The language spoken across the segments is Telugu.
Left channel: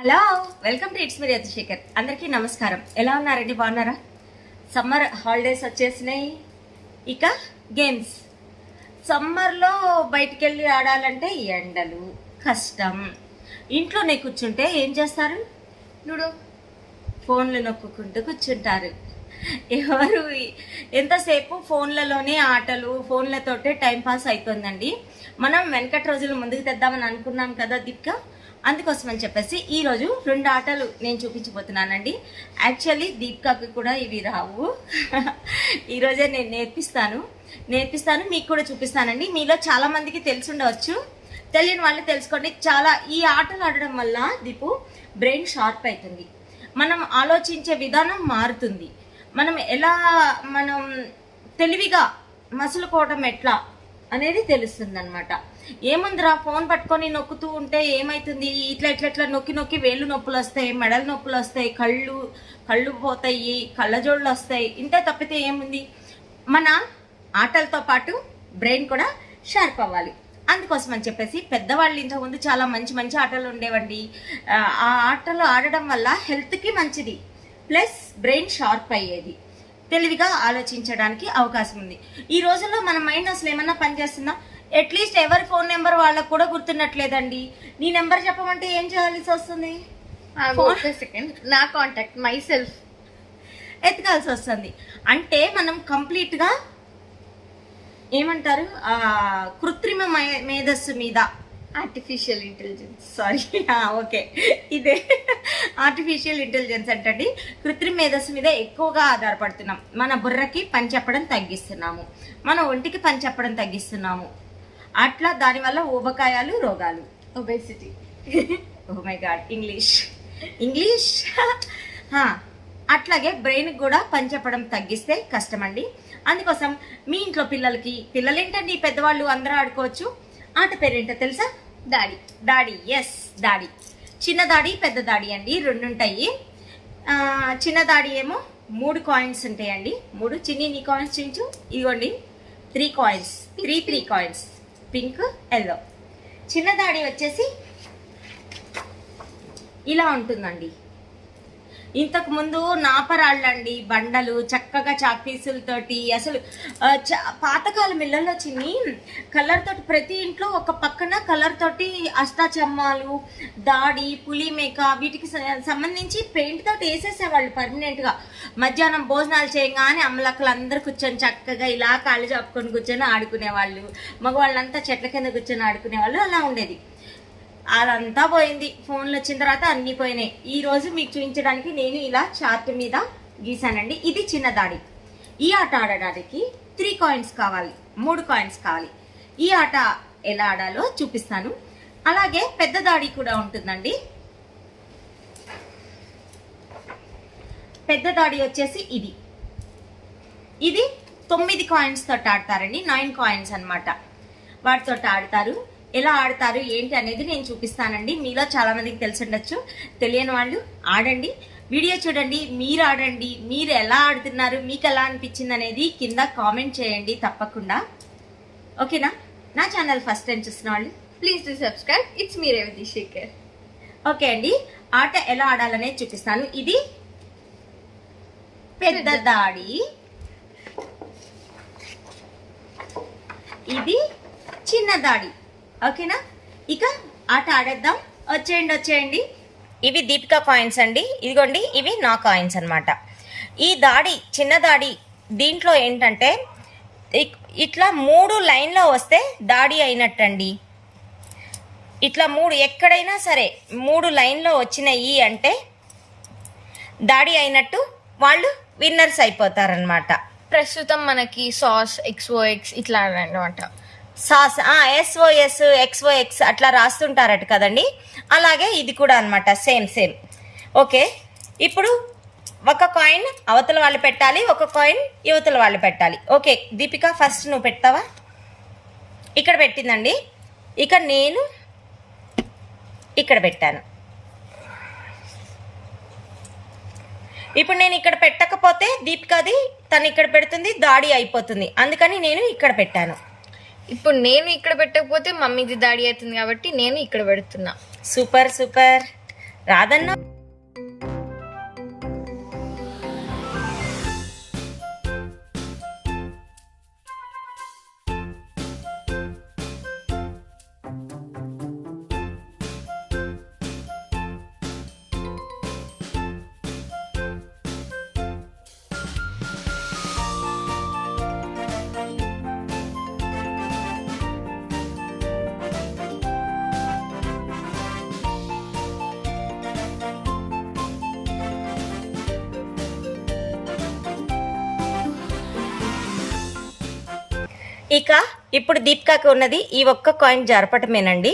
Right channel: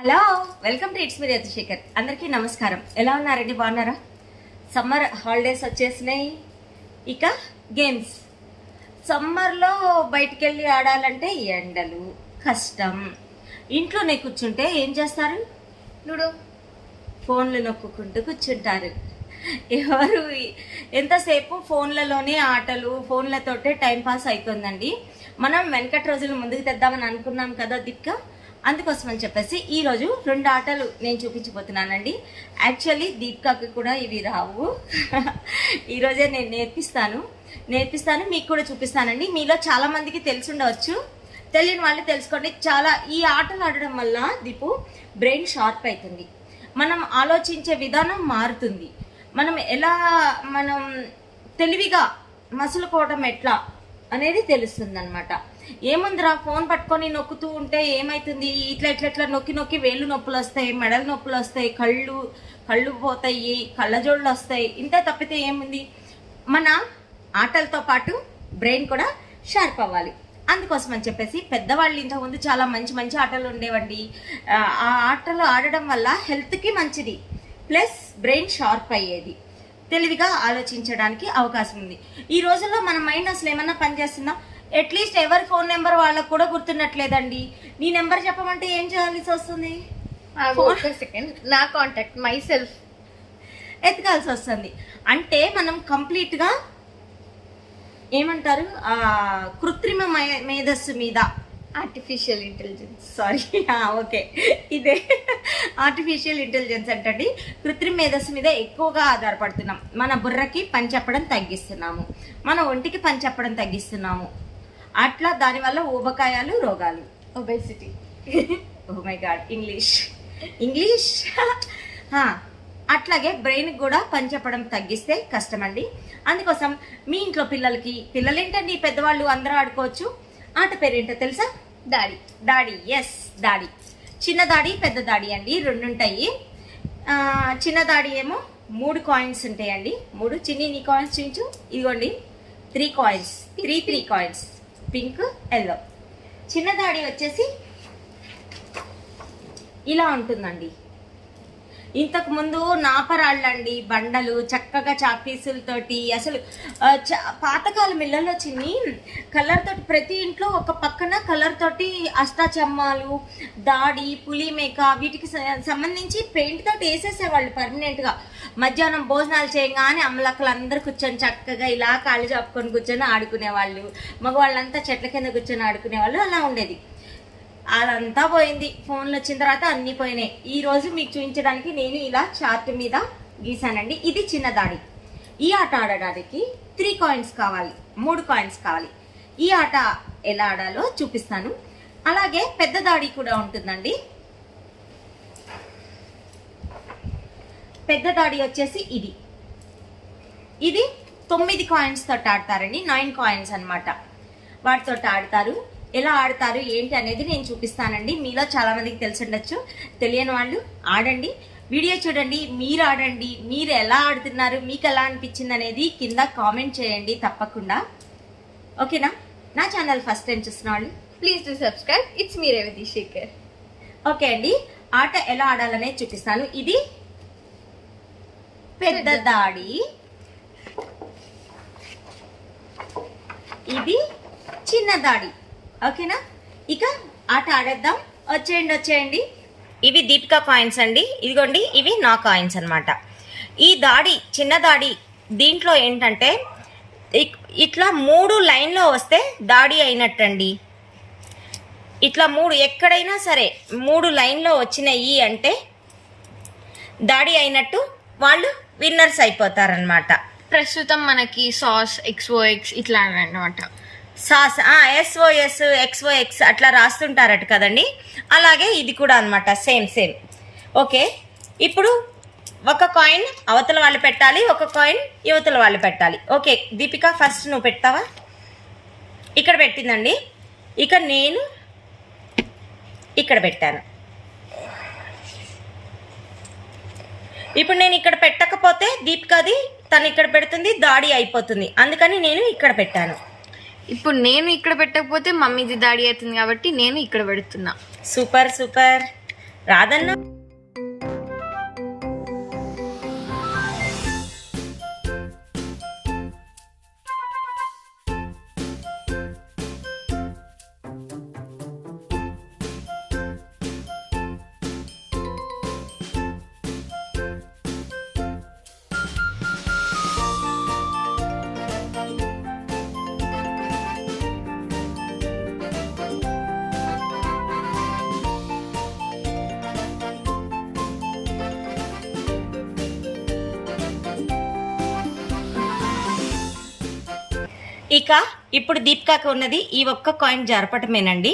Hello, welcome to it's me Shekhar. అందరికీ నమస్కారం. ఎలా ఉన్నారండి? బాగున్నారా? సమ్మర్ హాలిడేస్ వచ్చేసినాయి. ఇక గేమ్స్. సమ్మర్లో బయటికి వెళ్ళి ఆడాలంటే ఎండలు కష్టం. ఇంట్లోనే కూర్చుంటే ఏం చేస్తారు? లూడో, ఫోన్లు నొక్కుంటూ కూర్చుంటారు. ఎవరు ఎంతసేపు ఫోన్లలోనే ఆటలు, ఫోన్లతోటే టైం పాస్ అయిపోయిందండి. మనం వెనకటి రోజులు ముందుకు తెద్దామని అనుకున్నాం కదా దీపిక. అందుకోసం అని చెప్పేసి ఈ రోజు 2 ఆటలు నేను చూపించబోతున్నానండి. యాక్చువల్లీ దీపికకి కూడా ఇవి రావు. ఈరోజే నేను నేర్పిస్తాను మీకు కూడా చూపిస్తానండి. మీలో చాలా మందికి తెలిసి ఉండవచ్చు, తెలియని వాళ్ళు తెలుసుకోండి. ఈ ఆటలు ఆడడం వల్ల దీపు బ్రెయిన్ షార్ప్ అవుతుంది, మనం ఆలోచించే విధానం మారుతుంది, మనం తెలివిగా మసులుకోవడం ఎట్లా అనేది తెలుస్తుంది అనమాట. ఏముందిరా ఫోన్ పట్టుకొని నొక్కుతూ ఉంటే ఏమైతుంది, ఇట్లా నొక్కి వేళ్ళు నొప్పులు వస్తాయి, మెడలు నొప్పులు వస్తాయి, కళ్ళు పోతాయి, కళ్ళజోళ్ళు వస్తాయి. ఇంతే తప్పితే ఏముంది? మన ఆటలతో పాటు బ్రెయిన్ కూడా షార్ప్ అవ్వాలి. అందుకోసం అని చెప్పేసి పెద్దవాళ్ళు ఇంతకుముందు చాలా మంచి ఆటలు ఉండేవండి. ఆ ఆటలు ఆడడం వల్ల హెల్త్కి మంచిది, ప్లస్ బ్రెయిన్ షార్ప్ అయ్యేది, తెలివిగా ఆలోచించడానికి అవకాశం ఉంది. ఈ రోజుల్లో మన మైండ్ అసలు ఏమన్నా పనిచేస్తుందా? అట్లీస్ట్ ఎవరి ఫోన్ నెంబర్ వాళ్ళకు కూడా గుర్తున్నట్లేదండి. నీ నెంబర్ చెప్పమంటే ఏం చేయాల్సి వస్తుంది? నా కాంటాక్ట్ మై సెల్ఫ్ ఎత్తుకాల్సి వస్తుంది. అంటే మనం కంప్లీట్ గా ఏమంటారు, కృత్రిమ మేధస్సు మీద, ఆర్టిఫిషియల్ ఇంటెలిజెన్స్, సారీ ఓకే, ఇదే ఆర్టిఫిషియల్ ఇంటెలిజెన్స్ అంటే కృత్రిమ మేధస్సు మీద ఎక్కువగా ఆధారపడుతున్నాం. మన బుర్రకి పని చెప్పడం తగ్గిస్తున్నాము, మన ఒంటికి పని చెప్పడం తగ్గిస్తున్నాము. అట్లా దానివల్ల ఊబకాయాలు, రోగాలు, obesity. Oh my god, English అట్లాగే బ్రెయిన్ కూడా పని చెప్పడం తగ్గిస్తే కష్టమండి. అందుకోసం మీ ఇంట్లో పిల్లలేంటండి, పెద్దవాళ్ళు అందరూ ఆడుకోవచ్చు. ఆట పేరేంటో తెలుసా? దాడి. ఎస్, దాడి. చిన్న దాడి, పెద్ద దాడి అండి, 2 ఉంటాయి. చిన్న దాడి ఏమో 3 కాయిన్స్ ఉంటాయండి. 3 చిన్ని కాయిన్స్ చూపించు. ఇగోండి 3 కాయిన్స్, 3 కాయిన్స్, పింక్, ఎల్లో. చిన్న దాడి వచ్చేసి ఇలా ఉంటుందండి. ఇంతకు ముందు నాపరాళ్ళండి, బండలు, చక్కగా చాక్పీసులతోటి, అసలు పాతకాలం ఇళ్లలో చిన్ని కలర్ తోటి, ప్రతి ఇంట్లో ఒక పక్కన కలర్ తోటి అష్టాచమ్మాలు, దాడి, పులిమేక, వీటికి సంబంధించి పెయింట్ తోటి వేసేసేవాళ్ళు పర్మనెంట్ గా. మధ్యాహ్నం భోజనాలు చేయగానే అమ్మలక్కలు అందరు కూర్చొని చక్కగా ఇలా కాళ్ళు చాపుకొని కూర్చొని ఆడుకునేవాళ్ళు. మగవాళ్ళంతా చెట్ల కింద కూర్చొని ఆడుకునేవాళ్ళు. అలా ఉండేది. అదంతా పోయింది, ఫోన్లు వచ్చిన తర్వాత అన్ని పోయినాయి. ఈ రోజు మీకు చూపించడానికి నేను ఇలా చార్ట్ మీద గీసానండి. ఇది చిన్న దాడి. ఈ ఆట ఆడడానికి 3 కాయిన్స్ కావాలి, 3 కాయిన్స్ కావాలి. ఈ ఆట ఎలా ఆడాలో చూపిస్తాను. అలాగే పెద్ద దాడి కూడా ఉంటుందండి. పెద్ద దాడి వచ్చేసి ఇది 9 కాయిన్స్ తోటి ఆడతారండి. 9 కాయిన్స్ అన్నమాట. వాటితో ఆడతారు. ఎలా ఆడతారు ఏంటి అనేది నేను చూపిస్తానండి. మీలో చాలా మందికి తెలిసి ఉండొచ్చు, తెలియని వాళ్ళు ఆడండి, వీడియో చూడండి, మీరు ఆడండి. మీరు ఎలా ఆడుతున్నారు, మీకు ఎలా అనిపించింది అనేది కింద కామెంట్ చేయండి తప్పకుండా. ఓకేనా? నా ఛానల్ ఫస్ట్ టైం చూసిన వాళ్ళు please to subscribe. It's me Revathi Shekhar. Okay అండి, ఆట ఎలా ఆడాలనేది చూపిస్తాను. ఇది పెద్ద దాడి, ఇది చిన్న దాడి. ఓకేనా? ఇక ఆట ఆడేద్దాం. వచ్చేయండి. ఇవి దీపిక కాయిన్స్ అండి. ఇదిగోండి, ఇవి నా కాయిన్స్ అన్నమాట. ఈ దాడి, చిన్న దాడి, దీంట్లో ఏంటంటే ఇట్లా 3 లైన్లో వస్తే దాడి అయినట్టండి. ఇట్లా 3 ఎక్కడైనా సరే 3 లైన్లో వచ్చినాయి అంటే దాడి అయినట్టు, వాళ్ళు విన్నర్స్ అయిపోతారనమాట. ప్రస్తుతం మనకి సాస్, XOX ఇట్లా అనమాట. సాస్, SOS, XOX అట్లా రాస్తుంటారట కదండి. అలాగే ఇది కూడా అనమాట, సేమ్. ఓకే, ఇప్పుడు ఒక కాయిన్ అవతల వాళ్ళు పెట్టాలి, ఒక కాయిన్ యువతల వాళ్ళు పెట్టాలి. ఓకే దీపిక, ఫస్ట్ నువ్వు పెడతావా? ఇక్కడ పెట్టిందండి. ఇక నేను ఇక్కడ పెట్టాను. ఇప్పుడు నేను ఇక్కడ పెట్టకపోతే దీపికది తను ఇక్కడ పెడుతుంది, దాడి అయిపోతుంది. అందుకని నేను ఇక్కడ పెట్టాను. ఇప్పుడు నేను ఇక్కడ పెట్టకపోతే మమ్మీది దాడి అవుతుంది కాబట్టి నేను ఇక్కడ పెడుతున్నా. సూపర్. రాదన్నా ఇక ఇప్పుడు దీపికాకి ఉన్నది ఈ ఒక్క కాయిన్ జరపటమేనండి.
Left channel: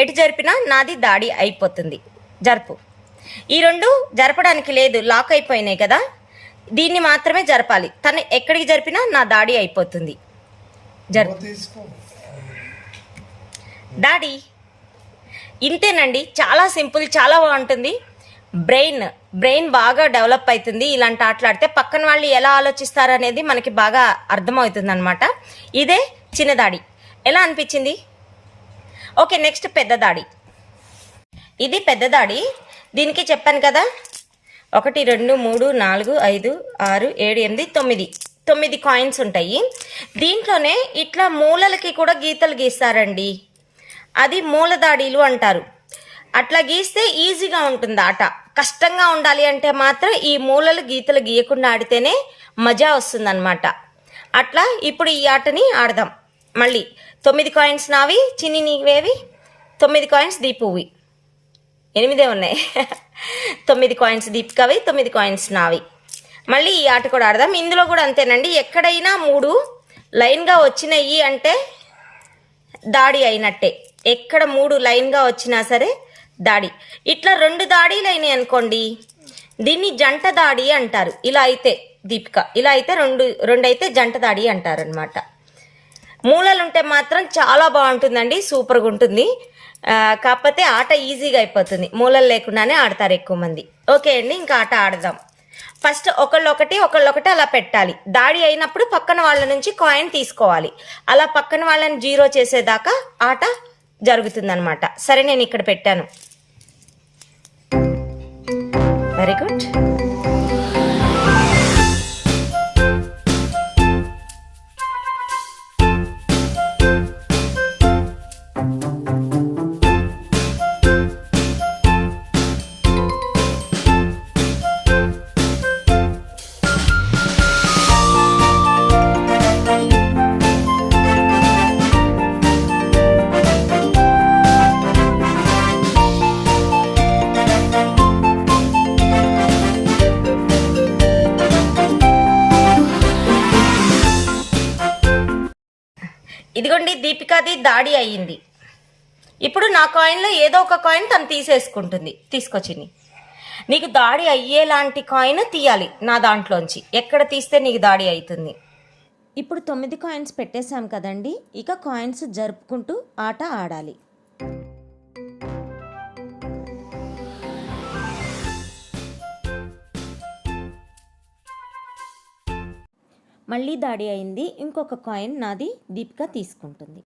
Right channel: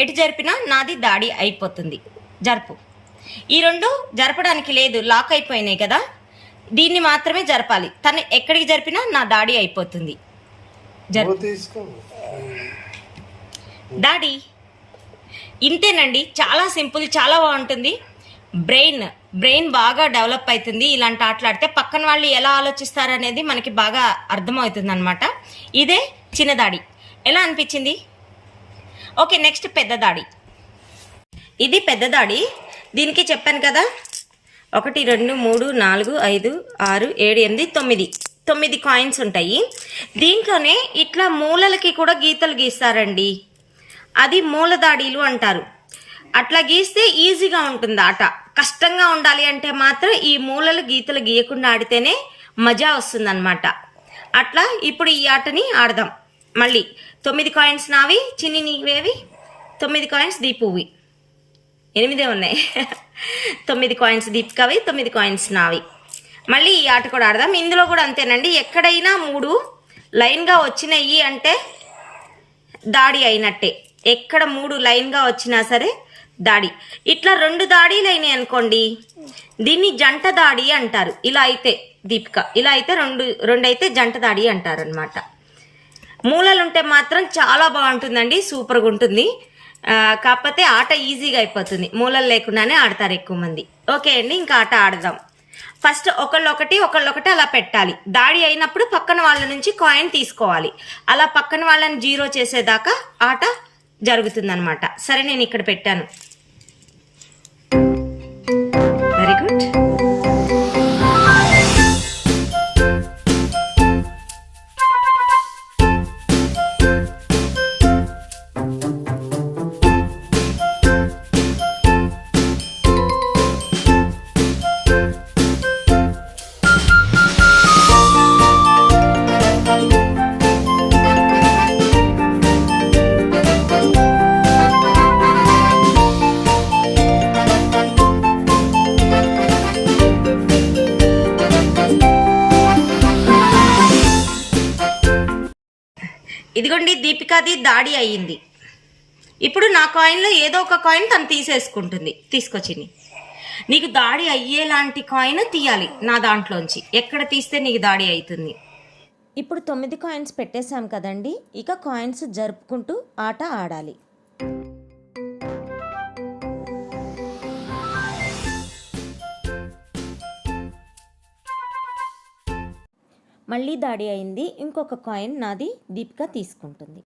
ఎటు జరిపినా నాది దాడి అయిపోతుంది. జరుపు. ఈ రెండు జరపడానికి లేదు, లాక్ అయిపోయినాయి కదా, దీన్ని మాత్రమే జరపాలి. తను ఎక్కడికి జరిపినా నా దాడి అయిపోతుంది. జరుపు. దాడి. ఇంతేనండి, చాలా సింపుల్, చాలా బాగుంటుంది. బ్రెయిన్ బాగా డెవలప్ అవుతుంది ఇలాంటి ఆటలాడితే. పక్కన వాళ్ళు ఎలా ఆలోచిస్తారు అనేది మనకి బాగా అర్థమవుతుంది అనమాట. ఇదే చిన్న దాడి. ఎలా అనిపించింది? ఓకే, నెక్స్ట్ పెద్ద దాడి. ఇది పెద్ద దాడి. దీనికి చెప్పాను కదా, 1 2 3 4 5 6 7 8 9 కాయిన్స్ ఉంటాయి. దీంట్లోనే ఇట్లా మూలలకి కూడా గీతలు గీస్తారండి. అది మూల దాడీలు అంటారు. అట్లా గీస్తే ఈజీగా ఉంటుంది ఆట. కష్టంగా ఉండాలి అంటే మాత్రం ఈ మూలలు గీతలు గీయకుండా ఆడితేనే మజా వస్తుందన్నమాట. అట్లా ఇప్పుడు ఈ ఆటని ఆడదాం. మళ్ళీ 9 కాయిన్స్ నావి, చిన్ని నీవేవి, 9 కాయిన్స్ దీపువి, 8 ఉన్నాయి. 9 కాయిన్స్ దీపికవి, 9 కాయిన్స్ నావి. మళ్ళీ ఈ ఆట కూడా ఆడదాం. ఇందులో కూడా అంతేనండి, ఎక్కడైనా 3 లైన్గా వచ్చినాయి అంటే దాడి అయినట్టే. ఎక్కడ 3 లైన్గా వచ్చినా సరే దాడి. ఇట్లా 2 దాడీలు అయినాయి అనుకోండి, దీన్ని జంట దాడి అంటారు. ఇలా అయితే దీపిక, ఇలా అయితే రెండు అయితే జంట దాడి అంటారు అనమాట. మూలలు ఉంటే మాత్రం చాలా బాగుంటుందండి, సూపర్గా ఉంటుంది. కాకపోతే ఆట ఈజీగా అయిపోతుంది, మూలలు లేకుండానే ఆడతారు ఎక్కువ మంది. ఓకే అండి, ఇంకా ఆట ఆడదాం. ఫస్ట్ ఒకళ్ళొకటి అలా పెట్టాలి. దాడి అయినప్పుడు పక్కన వాళ్ళ నుంచి కాయిన్ తీసుకోవాలి. అలా పక్కన వాళ్ళని 0 చేసేదాకా ఆట జరుగుతుందన్నమాట. సరే, నేను ఇక్కడ పెట్టాను. Very good. ఇదిగోండి, దీపికాది దాడి అయ్యింది. ఇప్పుడు నా కాయిన్లో ఏదో ఒక కాయిన్ తను తీసేసుకుంటుంది. తీసుకొచ్చింది. నీకు దాడి అయ్యేలాంటి కాయిన్ తీయాలి నా దాంట్లోంచి. ఎక్కడ తీస్తే నీకు దాడి అవుతుంది. ఇప్పుడు 9 కాయిన్స్ పెట్టేశాం కదండి, ఇక కాయిన్స్ జరుపుకుంటూ ఆట ఆడాలి. మళ్ళీ దాడి అయింది. ఇంకొక కాయిన్ నాది దీపిక తీసుకుంటుంది.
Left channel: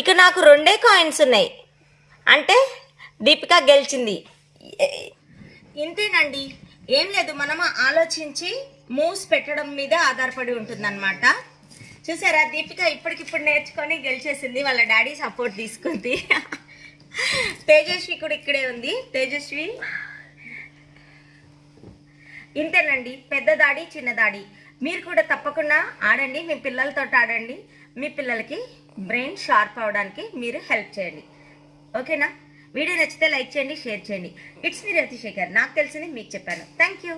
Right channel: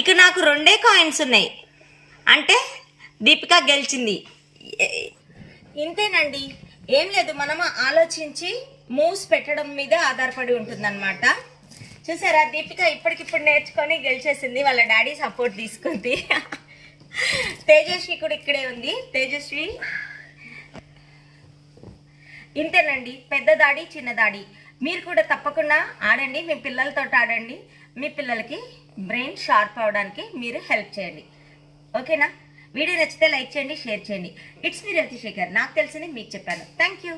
ఇక నాకు 2 కాయిన్స్ ఉన్నాయి అంటే దీపిక గెలిచింది. ఇంతేనండి, ఏం లేదు, మనం ఆలోచించి మూవ్స్ పెట్టడం మీద ఆధారపడి ఉంటుందన్నమాట. చూసారా, దీపిక ఇప్పటికిప్పుడు నేర్చుకొని గెలిచేసింది. వాళ్ళ డాడీ సపోర్ట్ తీసుకుంది. తేజస్వి కూడా ఇక్కడే ఉంది. తేజస్వి, ఇంతేనండి, పెద్ద దాడి చిన్న దాడి. మీరు కూడా తప్పకుండా ఆడండి, మీ పిల్లలతో ఆడండి. మీ పిల్లలకి బ్రెయిన్ షార్ప్ అవడానికి మీరు హెల్ప్ చేయండి. ఓకేనా? వీడియో నచ్చితే లైక్ చేయండి, షేర్ చేయండి. It's me Ratishekar. నాకు తెలిసింది మీకు చెప్పాను. Thank you.